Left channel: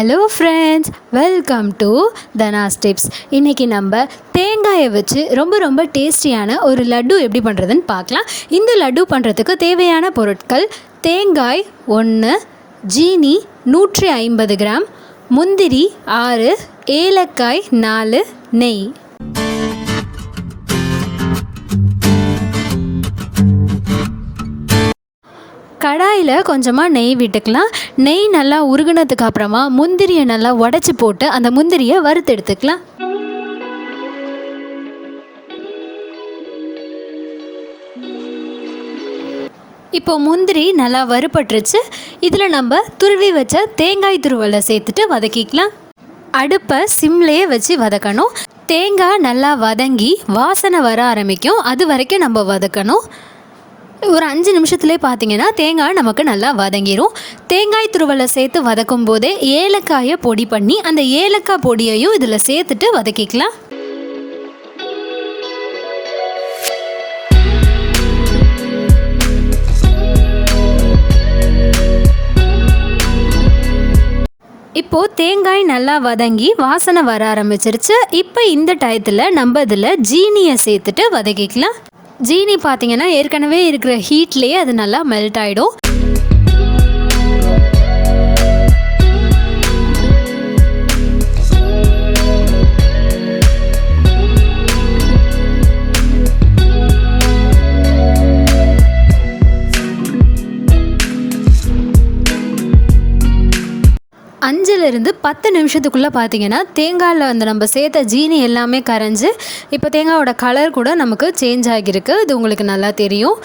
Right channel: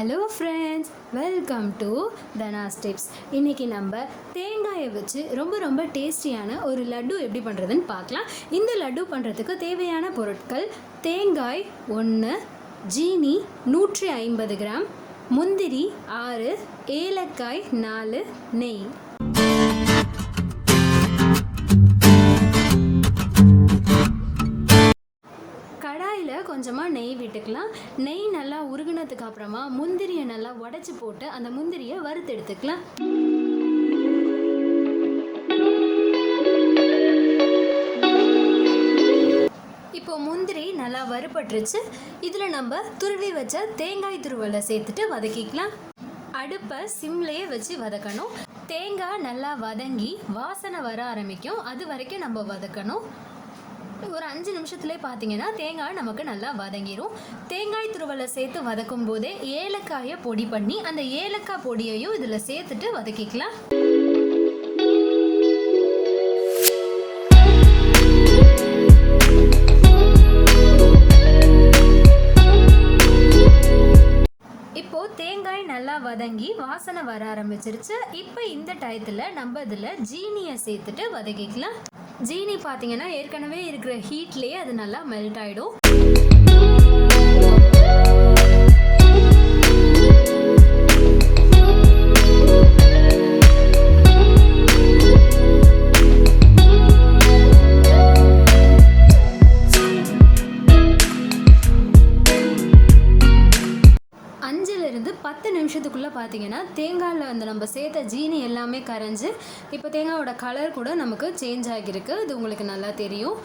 Hello friends, welcome to Dhana's tips. இன்றைக்கி நம்ம தேங்காயை வச்சு ரொம்ப டேஸ்டியான ஒரு லட்டு எப்படி பண்ணுறதுன்னு பார்க்கலாம். இந்த லட்டு பண்ணுறதுக்கு தேவையான பொருட்கள்: தேங்காய் 1, ஜீனி 150 கிராம், முந்திரி 6, ஏலக்காய் 4, நெய். கடாயில் கொஞ்சமாக நெய் விட்டுக்கலாம். நெய் நல்லா உருகுனதுக்கு அப்புறமா முந்திரியை நல்லா உடச்சி போட்டு அந்த முந்திரியை வறுத்து எடுத்துக்கலாம். இப்போது முந்திரி நல்லா வறுபட்டுருச்சு. இதில் நம்ம துருவி வச்ச தேங்காய் துருவலை சேர்த்துட்டு வதக்கிக்கலாம். அடுப்பை சிம்லேயே வச்சு வதக்கணும். தேங்காய் நல்லா வதங்கி வாசனை வர ஆரம்பிக்கும், அது வரைக்கும் நம்ம வதக்கணும். ஒரு 5 நிமிஷத்துலேயே பார்த்தீங்கன்னா தேங்காய் நமக்கு நல்லா வதங்கிடும். தேங்காய் துருவலை சேர்த்து வதக்கும் போதே ஏலக்காயை பொடி பண்ணி அந்த ஏலக்காய் பொடியையும் இதில் சேர்த்துட்டு வதக்கிக்கலாம். இப்போது தேங்காய் நல்லா வதங்கி வாசனை வர ஆரம்பிச்சிருச்சு. இப்போ இந்த டயத்தில் நம்ம இதில் ஜீனியை சேர்த்துட்டு வதக்கிக்கலாம். ஜீனி பார்த்தீங்கன்னா ஏற்கனவே இருக்கிற ஹீட்லேயே அது நல்லா மெல்ட் ஆகிடும். இருந்து 10 நிமிஷத்துக்குள்ளே பார்த்தீங்கன்னா தேங்காயில் வந்து நம்ம சேர்த்த ஜீனி எல்லாமே கரைஞ்சி இப்போ தேங்காயோட கலர் கூட நமக்கு சேஞ்ச் ஆகியிருக்கு. இது உங்களுக்கு நல்லா தெரியும்.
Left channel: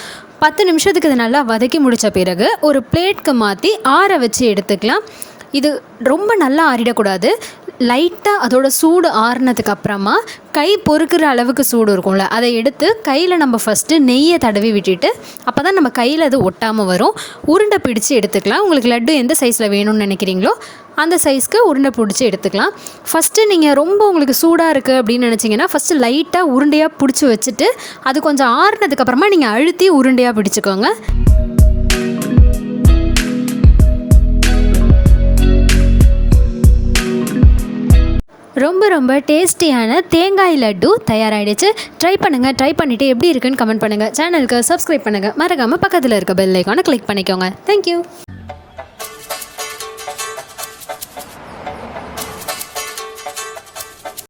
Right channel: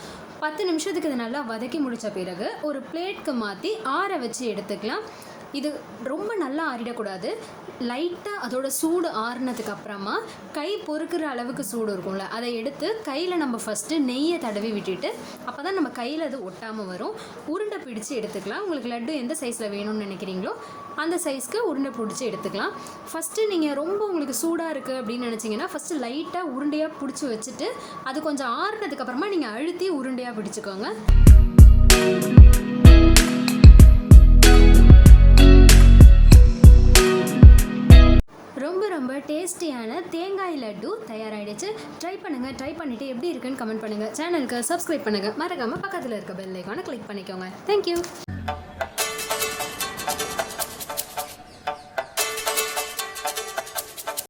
10 நிமிஷத்துக்கு இது நல்லா வதக்கி முடித்த பிறகு ஒரு பிளேட்க்கு மாற்றி ஆற வச்சு எடுத்துக்கலாம். இது ரொம்ப நல்லா ஆறிடக்கூடாது. லைட்டாக அதோட சூடு ஆறுனதுக்கு அப்புறமா கை பொறுக்கிற அளவுக்கு சூடு இருக்கும்ல, அதை எடுத்து கையில் நம்ம ஃபஸ்ட்டு நெய்யை தடவி விட்டுட்டு அப்போ தான் நம்ம கையில் அது ஒட்டாமல் வரும். உருண்டை பிடிச்சி எடுத்துக்கலாம். உங்களுக்கு லட்டு எந்த சைஸில் வேணும்னு நினைக்கிறீங்களோ அந்த சைஸ்க்கு உருண்டை பிடிச்சி எடுத்துக்கலாம். ஃபஸ்ட்டு நீங்கள் ரொம்ப உங்களுக்கு சூடாக இருக்குது அப்படின்னு நினச்சிங்கன்னா ஃபஸ்ட்டு லைட்டாக உருண்டையாக பிடிச்சி வச்சுட்டு அது கொஞ்சம் ஆறுனதுக்கப்புறமா நீங்கள் அழுத்தி உருண்டையாக பிடிச்சிக்கோங்க. ரொம்ப டேஸ்டியான தேங்காய் லட்டு தயாராகிடுச்சு. ட்ரை பண்ணிவிட்டு எப்படி இருக்குன்னு கமெண்ட் பண்ணுங்கள். சேனலுக்கு சப்ஸ்கிரைப் பண்ணுங்கள். மறக்காமல் பக்கத்தில் இருக்க பெல் ஐக்கானை கிளிக் பண்ணிக்கோங்க. தேங்க்யூ.